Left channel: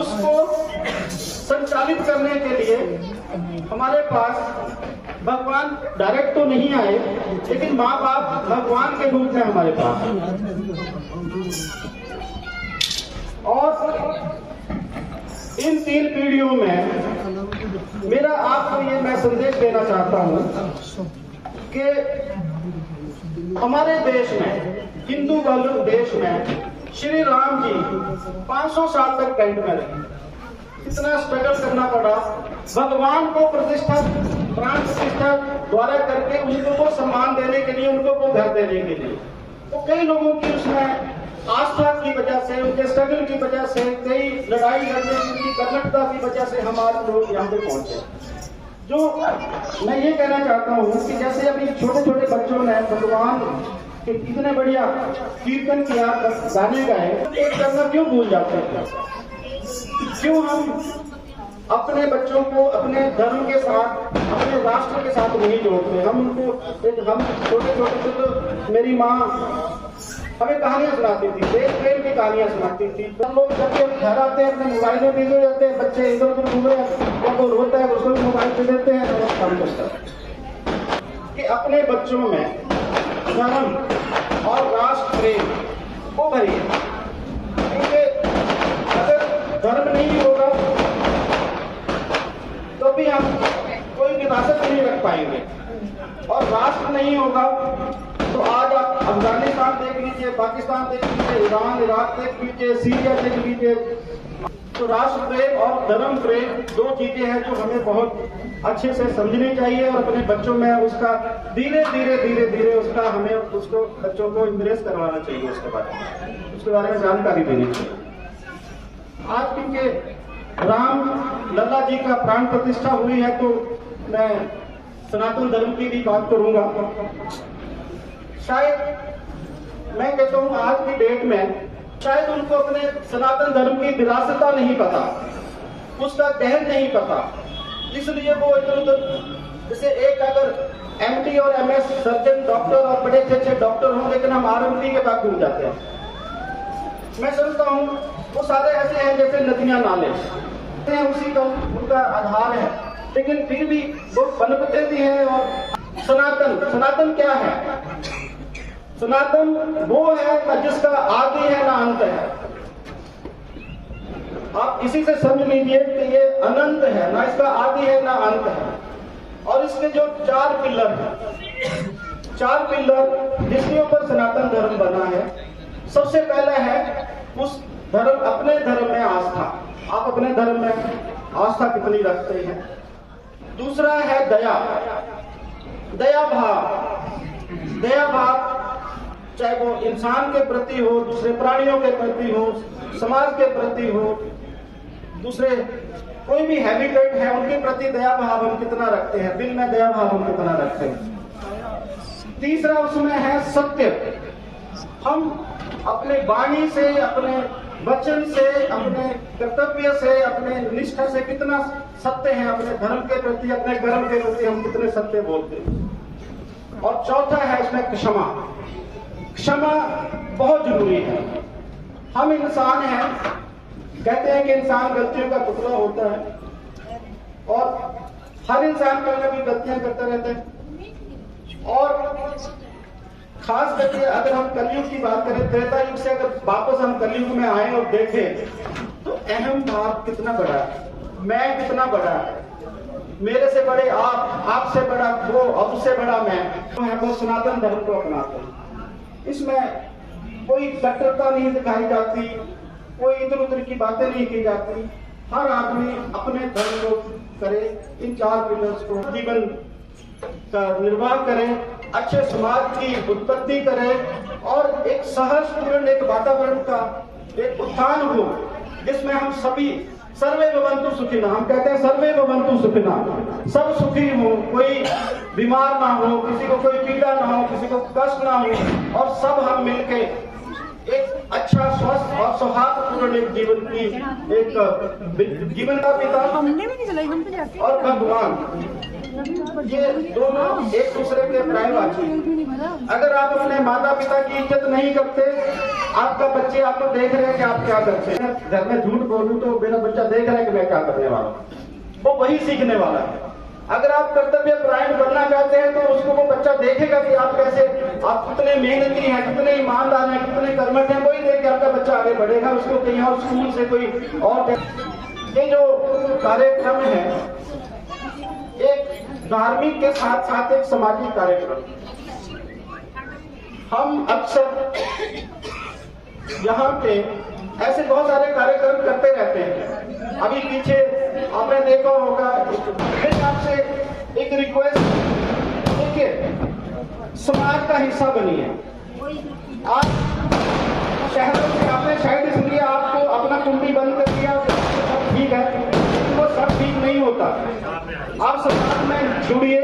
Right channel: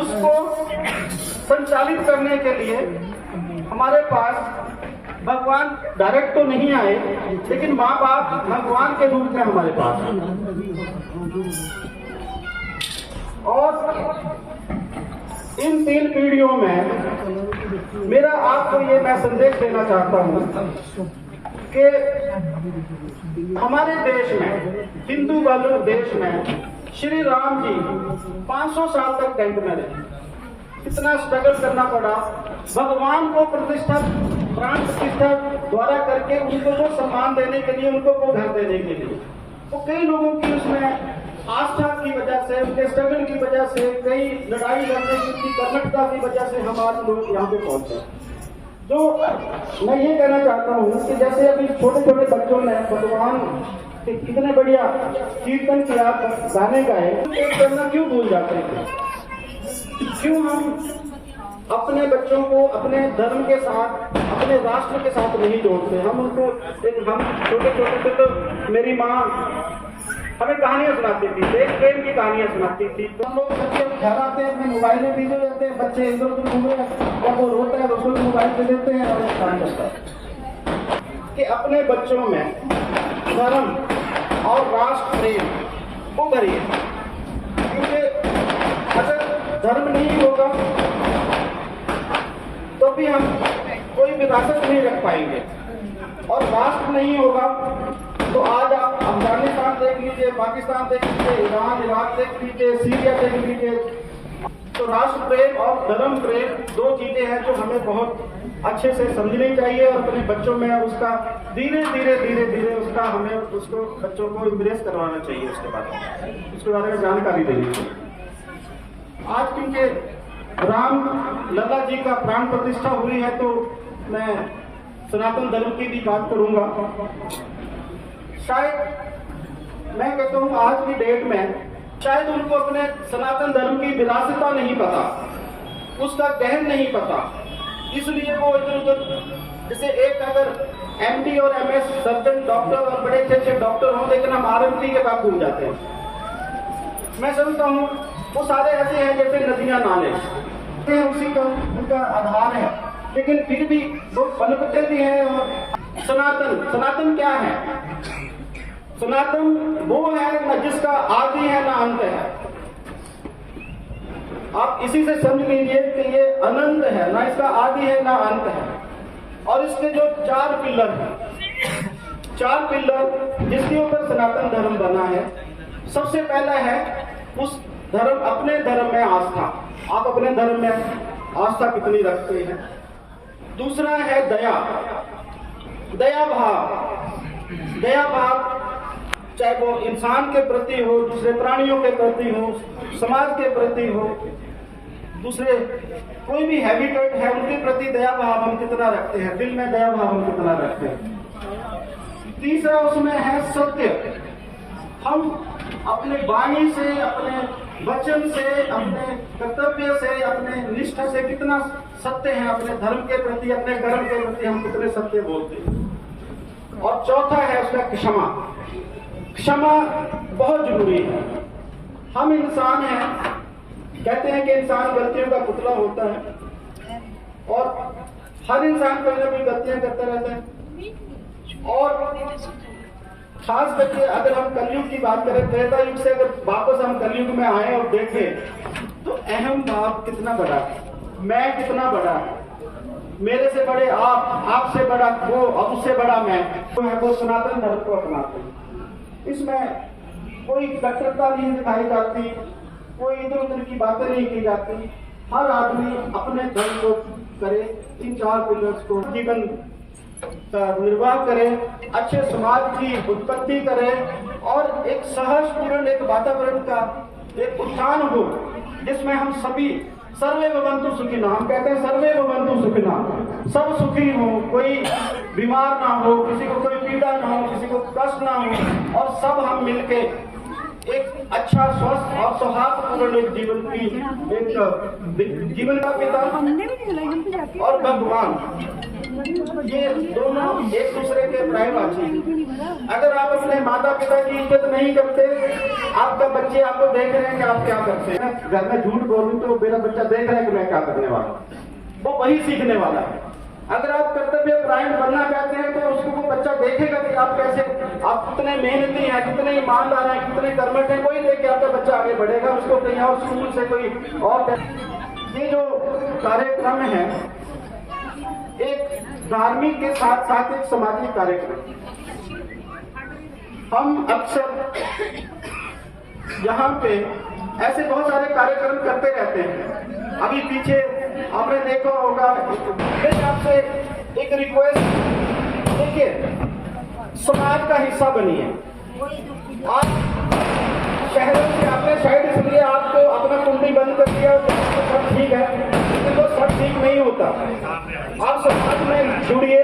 उसको संचालित करने के लिए हमारे पास भगवान डायरेक्ट तो नहीं आए, लेकिन माँ बाप भगवान के रूप में हमारे पास। और इन 3 पीढ़ियों में मेरा आपको ये मैं संदेश देना चाहता हूँ कि हमारे देश में, हिंदू वाले देश में, श्री राम जी 500 साल तक कैंट में रहे। कितना स्ट्रगल करना पड़ा भगवान को प्रतिष्ठा, प्राण प्रतिष्ठा द्वारा करके उनको वो सम्मान देने के लिए, उनको वो घर देने के लिए। तो कई लोगों की उसमें आस्था की वजह से, उनके स्ट्रगल की वजह से, कई लड़ाई लड़ने की कर्मठता की वजह से हमारे लोग यहाँ पे पहुंचे। जो मैं ये कहना चाहता हूँ कि जैसे अभी छोटे छोटे बच्चों ने भगवान के कितने बढ़िया कीर्तन किया, गाने गाए, एक करना क्यों भूल जाते हैं? क्यों हम अपने बच्चों को अपने धर्म के साथ, अपने राष्ट्र के साथ नहीं जोड़ते? हम उनको, हम छोटे छोटे से तो मेरी माँ हमें कहानियां सुनाती थी, देश प्रेम की कहानियां सुनाती थी। तो हम लोग जब घर आते हैं अपने मोबाइल में बिजी हो जाते हैं, बच्चे इधर उधर घूमे, जब वो रोता है उसको भी मोबाइल दे देते हैं और काम करता है। कि अपने बच्चों में धर्म और राष्ट्र प्रेम को भरिए, क्योंकि अगर धर्म नहीं होगा तो भी हम कोई विरासत नहीं रख पाएंगे, और राष्ट्र नहीं होगा तो आज आप अफगानिस्तान देख लीजिए, पाकिस्तान देख लीजिए, ईरान, इराक देख लीजिए, सीरिया देख लीजिए। तो राष्ट्र प्रेम और धर्म प्रेम 2 चीजें हैं जो हमें बहुत अच्छे से समझनी चाहिए, और अपने बच्चों में उसका धीरे धीरे उसका हमें उसको बच्चों को इम्प्रेस करवाना चाहिए, उसके बारे में जानकारी देनी चाहिए। आज क्योंकि राम लल्ला जी का प्राण प्रतिष्ठा हुई है, तो मैं सनातन धर्म की भी बात करूंगा। शायद मैं कहता हूँ आज की डेट में शायद उनको अपने सनातन धर्म की विरासता नहीं पता, उसका गहन नहीं पता, इसलिए वो इधर उधर, जैसे एक अगर एमडी और एमएस सर्जन डॉक्टर और बड़े अच्छे डॉक्टर हों, लेकिन हम आरएमपी के बाद घूम जाते हैं। मैं समझता हूँ वो सारे ऐसे हैं जैसे नदियां नाले, उसी का उनका आधार है, लेकिन फिर भी वो पनपते भी हैं। और सनातन क्या है? सनातन वो है ना जिसका आदि है ना अंत है। आप इसी से समझ लीजिए कि ये अनंत है, ना इसका आदि है ना अंत है। और इसके जो 4 पिलर हैं, 4 पिलर जिसके ऊपर सनातन धर्म बना है। सबसे पहला है उस धर्म, अपने धर्म में आस्था। आप अपने धर्म में आस्था कितनी रखते हैं? दूसरा है दया, दया भाव, चाहे वो इंसान के प्रति हो, दूसरे प्राणियों के प्रति हो, समाज के प्रति हो, दूसरे कोई भी हैबिटेट है उनके प्रति दया भाव हम कितना रखते हैं, दिल में दया भाव हम कितना रखते हैं। तीसरा उसमें है सत्य। हम अपने वाणी से, अपने वचन से, अपने कर्तव्य से, अपने निष्ठा से कितना सत्य हैं अपने धर्म के प्रति, अपने कर्म के प्रति हम कितने सत्य बोलते हैं। और चौथा है उसमें क्षमा। क्षमा बहुत जरूरी है। हम इंसान हैं, कहते हैं कि इंसान गलतियों का पुतला होता है, और हर इंसान कोई ना कोई गलतियां करता रहता है। और खास करके अगर हम कलयुग की बात करें, त्रेता युग से अगर वापस हम कलयुग में आए और देखें तो अहम भाव कितना बड़ा है, मैं कितना बड़ा है, मेरे से बड़े आप, आपसे बड़ा वो और उससे बड़ा मैं, तो है वो सनातन धर्म को अपनाते हैं। इसमें कोई कट्टरता नहीं दिखाई जाती, कोई इधर उधर की बातें नहीं की जाती। हर आदमी अपने धर्म को करे, इन 4 पिलर्स को जीवन का निर्वाह करे, अच्छे समाज की उत्पत्ति करे, और एक सहर्षपूर्ण एक वातावरण का एक उत्थान हो जिसमें हम सभी सर्वे भवन्तु सुखिनः, हम कहते हैं सर्वे भवन्तु सुखिनः, सब सुखी हो, कोई बीमार ना हो, किसी को कोई पीड़ा ना हो, किसी को कष्ट ना हो, और सब हम मिलके एक अच्छा स्वस्थ और सौहार्दपूर्ण एक जीवन की एक जीवन का पिता और भगवान, ये दोनों एक दूसरे के पर्यायवाची। अगर आप अपने माता पिता की इज्जत नहीं करते, आपका बच्चे आपको देख रहे हैं कि आप क्या करते हैं। घर में झूठ बोलूं तो मेरा बच्चा देख रहा है कि मैं क्या करने वाला हूं, वो वही सीखने वाला है। अगर आप कर्तव्य परायण बनना चाहते हैं तो उसको वो बच्चा देखेगा कि आप कैसे, आप कितने मेहनती हैं, कितने ईमानदार हैं, कितने कर्मठ हैं, वही देख के आपका बच्चा आगे बढ़ेगा। उसको कहीं और स्कूल से कोई और। ये जो कार्यक्रम है एक धार्मिक के साथ साथ एक सामाजिक कार्यक्रम। हम अक्सर यहाँ पे ऐसे बहुत सारे कार्यक्रम करते रहते हैं। अभी पीछे आपने देखा होगा, मेरे आपसे एक रिक्वेस्ट, देखिए समाज का हिस्सा बनिए। आज शहरों से आपने शायद इसलिए आपको अपना कुंडी बंद कर दिया, सब ठीक है, लेकिन वो सब ठीक नहीं होता। आप समाज में जुड़िए,